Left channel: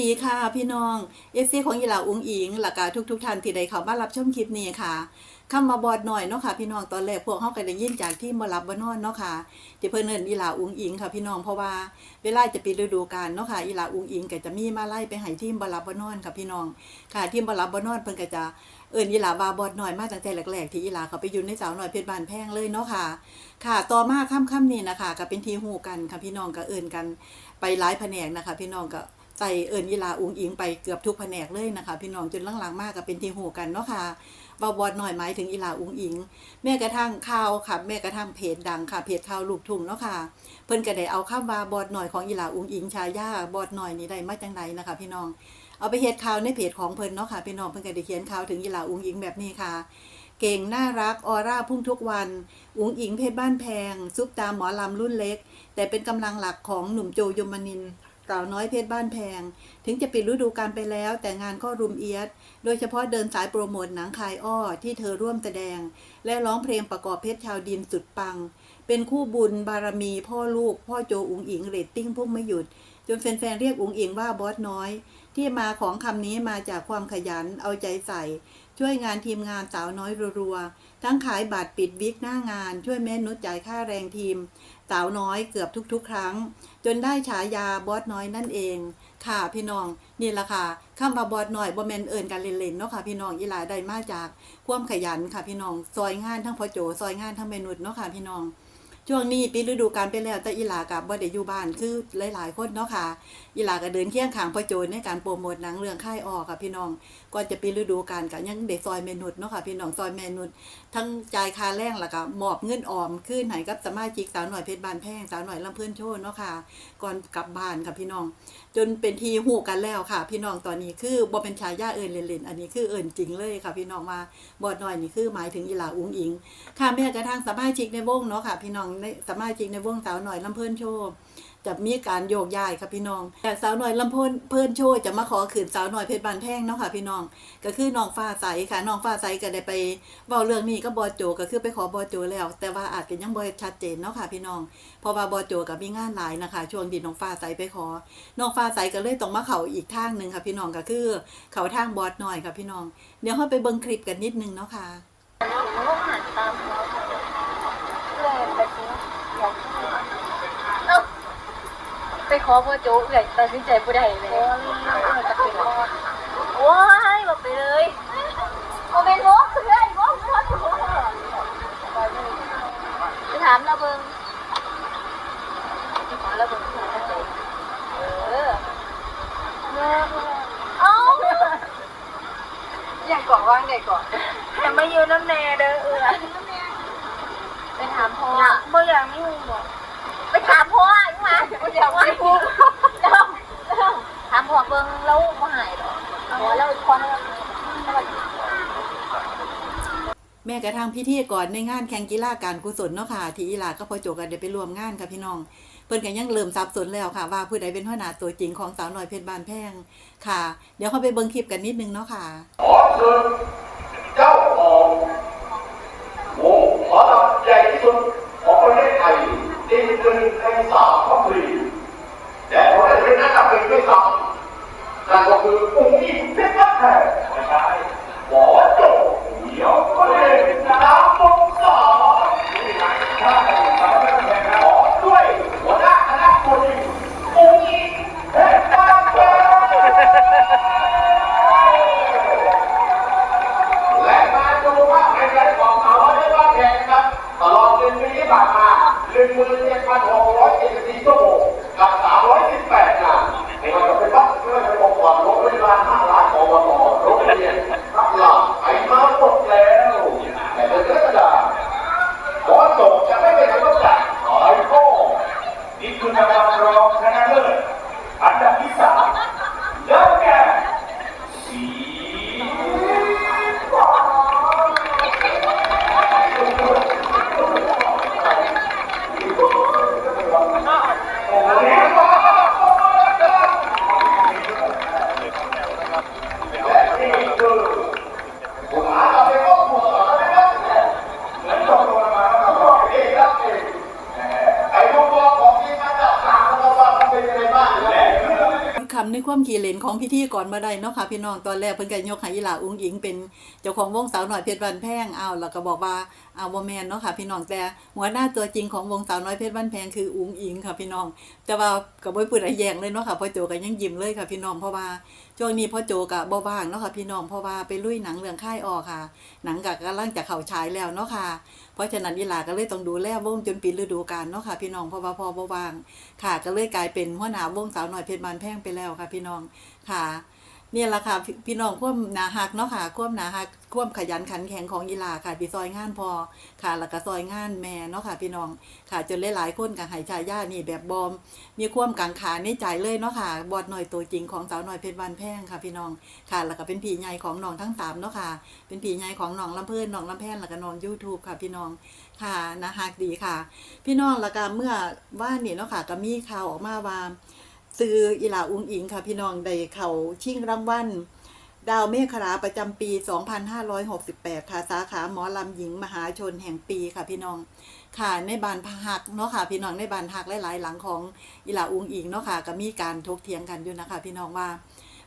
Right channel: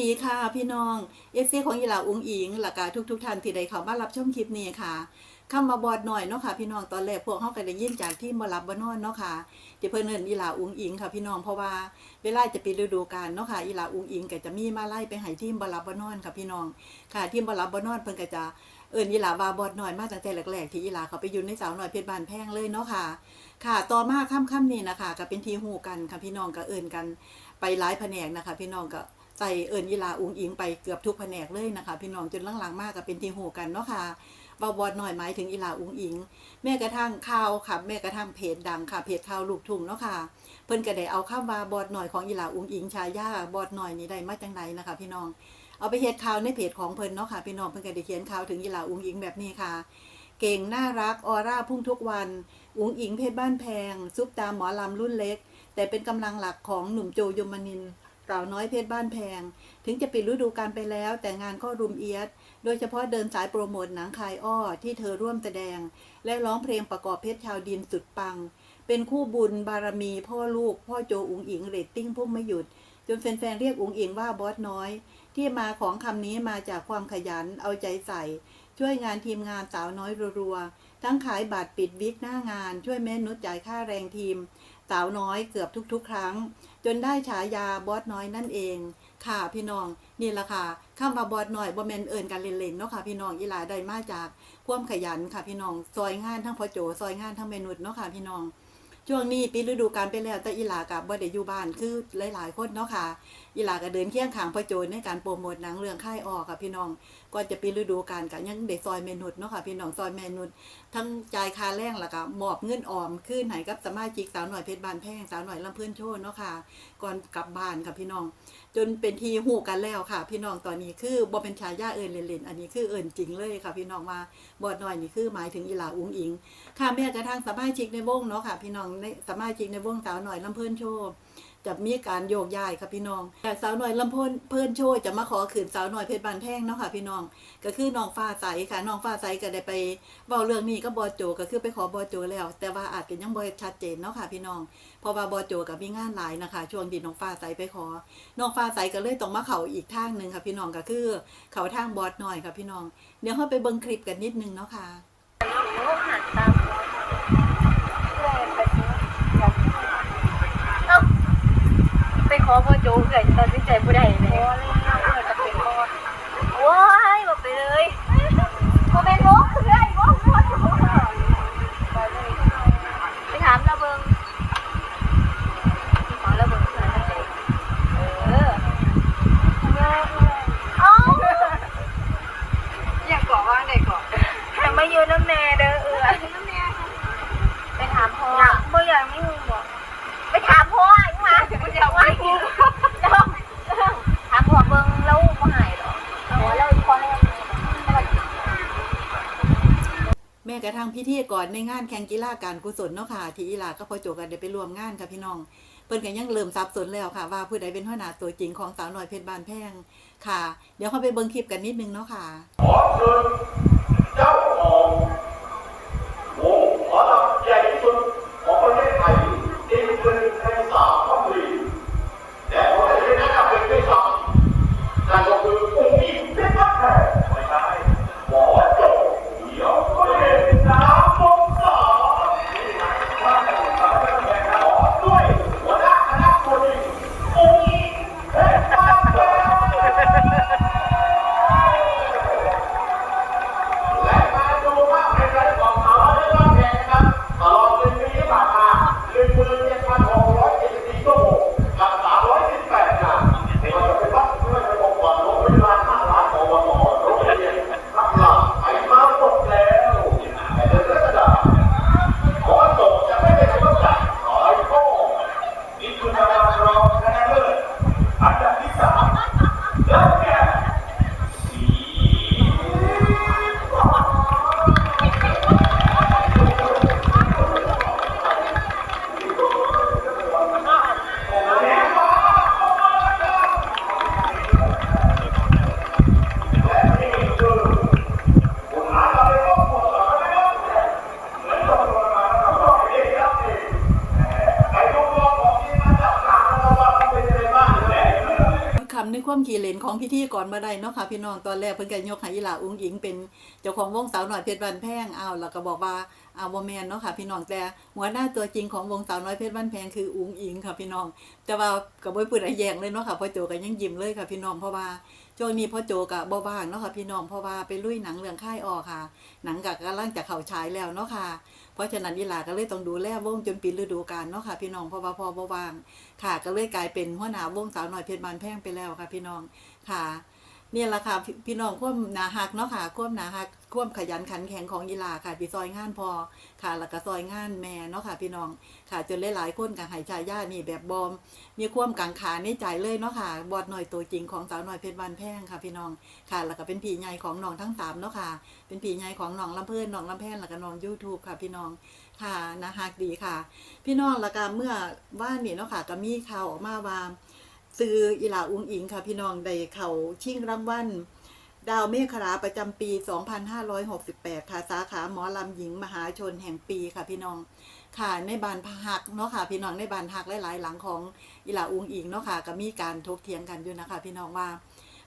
ดีค่ะพี่น้องเอซีของยีหลาอุ้งอิงหลักการทุกทุกๆท่านที่ได้เข้ามารับชมคลิปนี้ค่ะคำมาบอดหน่อยเนาะค่ะพี่น้องตอนแรกพวกเขาก็ได้ยินจากที่มารับบานอนเนาะค่ะที่เพิ่นเอินยีหลาอุ้งอิงค่ะพี่น้องเพราะว่าเวลาจะปิดฤดูกาลเนาะค่ะยีหลาอุ้งอิงก็จะมีมาไล่ไปให้ทีมบารับบานอนค่ะพี่น้องค่ะทีมบารับบานอนเพิ่นก็จะเอินยีหลาวาบอดหน่อยมาตั้งแต่แรกๆที่ยีหลาเขาไปอยู่ในสาวหน่อยเพชรบานแพงเลยเนาะค่ะ ค่ะต่อมาค่ำๆนี่นะคะก็เป็นทีฮู้กันค่ะพี่น้องก็เอินกันไปหลายแผนกนะคะ พี่น้องก็ ใส่เอิญยีลาอุงอิงไปเกือบทุกแผนกเลยนะคะพี่น้องจนหลังๆมากก็เป็นทีหูกันเนาะค่ะบาบอดหน่อยหมายถึงอีลาอุงอิง แม้กระทั่งข่าวค่ะ แม้กระทั่งเพจดังค่ะเพจข่าวลูกทุ่งเนาะค่ะ เพิ่นก็ได้เอาข้ามว่าบอดหน่อยของอีลาอุงอิงชายาบอดหน่อยนี่ได้มาจังใดนะคะพี่น้องเอาไปเฮ็ดข่าวในเพจของเพิ่นเนาะค่ะพี่น้องเพิ่นก็ได้เขียนข่าวถึงอีลาอุงอิงแบบนี้ค่ะ เก่งน่ารักออร่าพุ่งทุกวัน อุงอิงเพชรบ้านแพงซุปตาหมอลำรุ่นเล็ก แต่เป็นกำลังหลักของหนุ่มโจยมนินท สาวน้อยเพชรบ้านแพง ถึงจะปิดฤดูกาลไปแล้ว แต่งานก็รุมเอียด โดยเฉพาะเดินสายโปรโมทหนังคายอ้อที่เธอร่วมแสดง และร้องเพลงประกอบเพชรชาวดินสุดปัง เป็นคู่บุญบารมี พ่อลูก พ่อโจอุงอิงเรตติ้งพุ่งไม่หยุด จนแฟนๆเรียกอุงอิงว่าบอสน้อย ที่มาของคำนี้มาจากความขยันเอาใจใส่ ช่วยงานทีมงานสาวน้อยรัวๆทั้งขายบัตรปิดวิกหน้างาน ช่วยแม่นุชจ่ายค่าแรงทีม สาวน้อยเกือบทุกๆ ครั้ง จนได้ฉายาบอสน้อยนั่นเอง ค่ะพี่น้องนี่แหละค่ะข้ามมาบอสน้อยบ่แมนเอิญกันเล่นๆเนาะค่ะพี่น้องอีหลาได้มาจากความขยันค่ะพี่น้องซอยงานทั้งพอโจซอยงานทั้งเมนุษเนาะค่ะพี่น้องช่วงนี้ปิดฤดูกาลไปแล้วแต่อีหลากับบ่ได้อยู่บ้านคือหลายๆคนเนาะค่ะ อีหลาก็เดินเคียงขางพ่อโจในการโปรโมทหนังเรื่องค่ายออกค่ะพี่น้องก่อนจะปิดฤดูกาลก็ยังได้ซอยเมนุษเนาะค่ะพี่น้องซอยเมนุษทั้งจ่ายค่าแรงแล้วก็มอบเงินออมคืนให้กับสมาชิกสาวหน่อยเพชรบานแพงสาวหน่อยลำเพิ่นโชว์เนาะค่ะก่อนกลับบ้านค่ะพี่น้อง จนเป็นทีหูกันแล้วค่ะ พี่น้องตอนนี้คือบ่เป็นชายาเอิญเล่นๆอันนี้คือเอิญจริงเลยค่ะ พี่น้องมาบอดน้อยนี่คือหมายถึงอีหลาอุ้งอิง ค่ะแม้กระทั่งสมาชิกในวงเนาะค่ะ พี่น้องในสมาชิกในวงสาวหน่อยลำเพิ่นโชว์ จะมีการโยกย้ายค่ะพี่น้องแต่สาวหน่อยลำเพิ่นเพิ่นโชว์จะมาขอขืนสาวหน่อยเพชรบานแพงเนาะค่ะพี่น้อง ก็คือน้องฟ้าใสค่ะน้องฟ้าใสก็ได้ไปเว้าเรื่องนี้ก็บอโจก็คือไปขอบอโจแล้ว แต่ว่าอาจจะยังบ่ชัดเจนเนาะค่ะพี่น้อง เพราะว่าบอโจกับมีงานหลายนะคะ ช่วงที่น้องฟ้าใสไปขอ น้องฟ้าใสก็เลยต้องมาเขาอีกทางหนึ่งค่ะพี่น้องก็คือเขาทางบอสหน่อยค่ะพี่น้อง เดี๋ยวเราไปเบิ่งคลิปกันนิดนึงเนาะค่ะ ไปขอพ่อโจ๊กเลยตัดสินใจผู้ใดเลยโอ้ยบอกไปเลยโมเป็นมุกเพื่อนมุกไปถามระเบิงขอระเบิงเพื่อนเออเอ้าอยากก่อว่างเด็กก่อนยังไม่ยืนน้ำแน่เด้อเออไปถามพ่อพ่ออยากไม่หูบอก ไปถามพ่ออีกมาเดี๋ยวว่ากูถามพ่อเบิ่งแล้วบ่หายหรอเอาแล้วอีกคนนึง แม้กระทั่งพิธี ก่อนในงานแข่งกีฬาการกุศลเนาะค่ะ ที่อีหลาก็พอโจกันเดี๋ยวไปรวมงานค่ะพี่น้อง เพิ่นกันยังเริ่มสับสนแล้วค่ะ ว่าผู้ใดเป็นหัวหน้าตัวจริงของสาวน้อยเพชรบานแพงค่ะ เดี๋ยวเขาไปเบิ่งคลิปกันนิดนึงเนาะค่ะ ในความขี่เลนของพิธีก่อนมาได้เนาะค่ะพี่น้องตอนแรกเพิ่นก็ยกให้อีหลาอุ้งอิงเป็นเจ้าของวงสาวหน่อยเพชรบ้านแพงอ้าวแล้วก็บอกว่าอ้าวบ่แม่นเนาะค่ะพี่น้องแต่หัวหน้าตัวจริงของวงสาวน้อยเพชรบ้านแพงคืออุ้งอิงค่ะพี่น้อง แต่ว่าก็บ่พูดอะไรแยงเลยเนาะค่ะพ่อโจก็ยังยิ้มเลยค่ะพี่น้องเพราะว่าช่วงนี้พ่อโจก็บ่ว่างเนาะค่ะพี่น้องเพราะว่าไปลุยหนังเรื่องค่ายออกค่ะ หนังก็กำลังจะเข้าฉายแล้วเนาะค่ะ เพราะฉะนั้นอีหลาก็เลยต้องดูแลวงจนปิดฤดูกาลเนาะค่ะ พี่น้องเพราะว่าพอบ่วาง ค่ะก็เลยกลายเป็นหัวหน้าวงสาวน้อยเพชรบานแพงไปแล้วค่ะ พี่น้องค่ะ เนี่ยแหละค่ะพี่น้องความหนาหักเนาะค่ะความหนาหักความขยันขันแข็งของอีหลาค่ะที่ซอยงานพอค่ะแล้วก็ซอยงานแม่เนาะค่ะพี่น้องค่ะจนหลายๆคนกับหายชายญานี่แบบบอม มีความกังขาในใจเลยเนาะค่ะบอดหน่อยตัวจริงของสาวหน้อยเพชรบานแพงค่ะพี่น้องค่ะแล้วก็เป็นผีใหญ่ของน้องทั้งสามเนาะค่ะ เป็นผีใหญ่ของน้องลำเพิ่นน้องลำแพนแล้วก็น้องยูทูบค่ะพี่น้องค่ะนะฮักดีค่ะ พี่น้องแล้วก็เมื่อว่านี่เนาะค่ะก็มีข่าวออกมาว่า ซื้ออีหลาอุ้งอิงค่ะพี่น้องได้เขาชิงรางวัลดาวเมฆราประจำปี 2568 ค่ะ สาขาหมอลำหญิงมหาชนแห่งปีค่ะพี่น้อง ค่ะในบานพักเนาะค่ะ พี่น้องในบานพักหลายๆ หลังของอีหลาอุ้งอิงเนาะค่ะก็มีการทกเถียงกันอยู่นะคะ พี่น้องว่า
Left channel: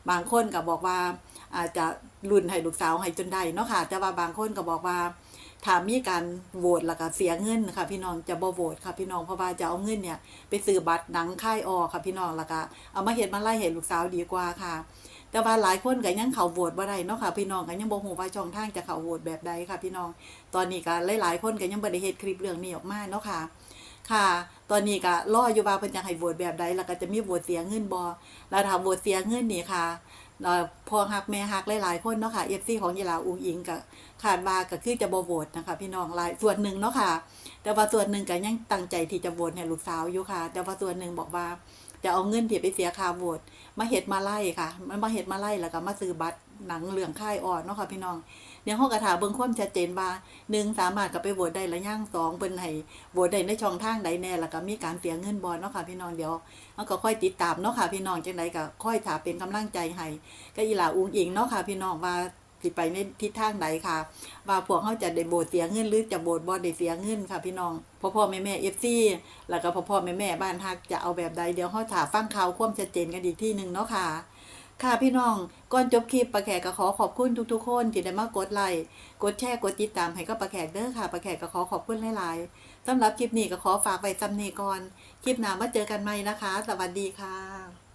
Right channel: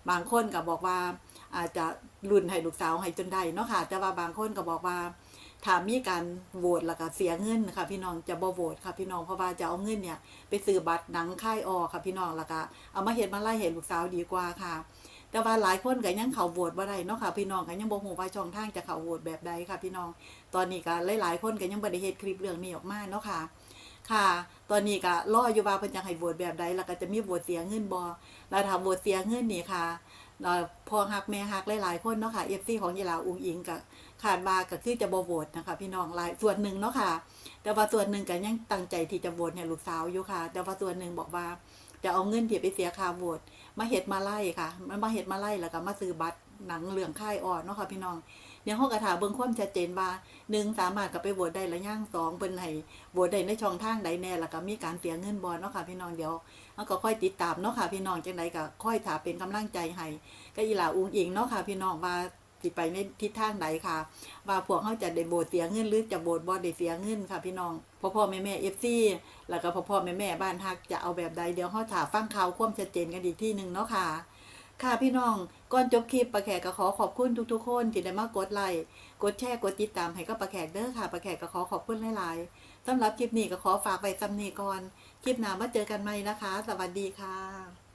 บางคนก็บอกว่าอาจจะรุ่นให้ลูกสาวให้จนได้เนาะค่ะ แต่ว่าบางคนก็บอกว่า ถ้ามีการโหวตแล้วก็เสียเงินค่ะ พี่น้องจะบ่โหวตค่ะพี่น้องเพราะว่าจะเอาเงินเนี่ย ไปซื้อบัตรหนังค่ายออค่ะพี่น้องแล้วก็เอามาเห็นมาไล่เห็นลูกสาวดีกว่าค่ะ แต่ว่าหลายคนก็ยังเขาโหวตบ่ได้เนาะค่ะพี่น้องก็ยังบ่ฮู้ว่าช่องทางจะเขาโหวตแบบใดค่ะ พี่น้องตอนนี้ก็หลายๆคนก็ยังบ่ได้เฮ็ดคลิปเรื่องนี้ออกมาเนาะค่ะค่ะ ตอนนี้ก็รออยู่ว่าเพิ่นจะให้โหวตแบบใดแล้วก็จะมีโหวตเสียเงินบ่แล้วถ้าโหวตเสียเงินนี่ค่ะ เราพอหักแม่หักหลายๆคนเนาะค่ะเอฟซีของยีหลาอุงอิงกับขาดมากับที่จะบ่โหวตนะคะ พี่น้องหลายส่วนหนึ่งเนาะค่ะ แต่ว่าส่วนหนึ่งก็ยังตั้งใจที่จะโหวตให้ลูกสาวอยู่ค่ะ แต่ว่าส่วนหนึ่งบอกว่าจะเอาเงินที่ไปเสียค่าโหวตมาเห็ดมาไล่ค่ะ มันมาเห็ดมาไล่แล้วก็มาซื้อบัตรหนังเรื่องค่ายออดเนาะค่ะพี่น้อง เนี่ยเฮาก็ถาเบิ่งความชัดเจนว่าหนึ่งสามารถก็ไปโหวตได้ละย่างสองเพิ่นให้โหวตได้ในช่องทางใดแน่แล้วก็มีการเสียเงินบ่เนาะค่ะพี่น้องเดี๋ยวเฮาก็ค่อยติดตามเนาะค่ะพี่น้องจังไดก็ค่อยถาเป็นกำลังใจให้ก็อีหลาอุ้งอิงเนาะค่ะพี่น้องว่าสิไปในทิศทางใดค่ะว่าพวกเขาจะได้โบดเสียเงินหรือจะโบดบ่ได้เสียเงินค่ะพี่น้องพ่อพ่อแม่แม่เอฟซีแล้วก็พ่อพ่อแม่แม่บ้านฮักจะเอาแบบใดเดี๋ยวเขาถาฟังข่าวความชัดเจนกันอีกที่หนึ่งเนาะค่ะ ค่ะพี่น้องก่อนจบคลิปประแขกก็ขอขอบคุณทุกๆคนที่ได้มากดไลค์กดแชร์กดติดตามให้กับประแขกเด้อค่ะประแขกก็ขอขอบคุณหลายๆสำหรับคลิปนี้ก็ขอฝากไว้ซ้ำนี้ก่อน คลิปหน้ามาเจอกันใหม่นะคะ สวัสดีค่ะ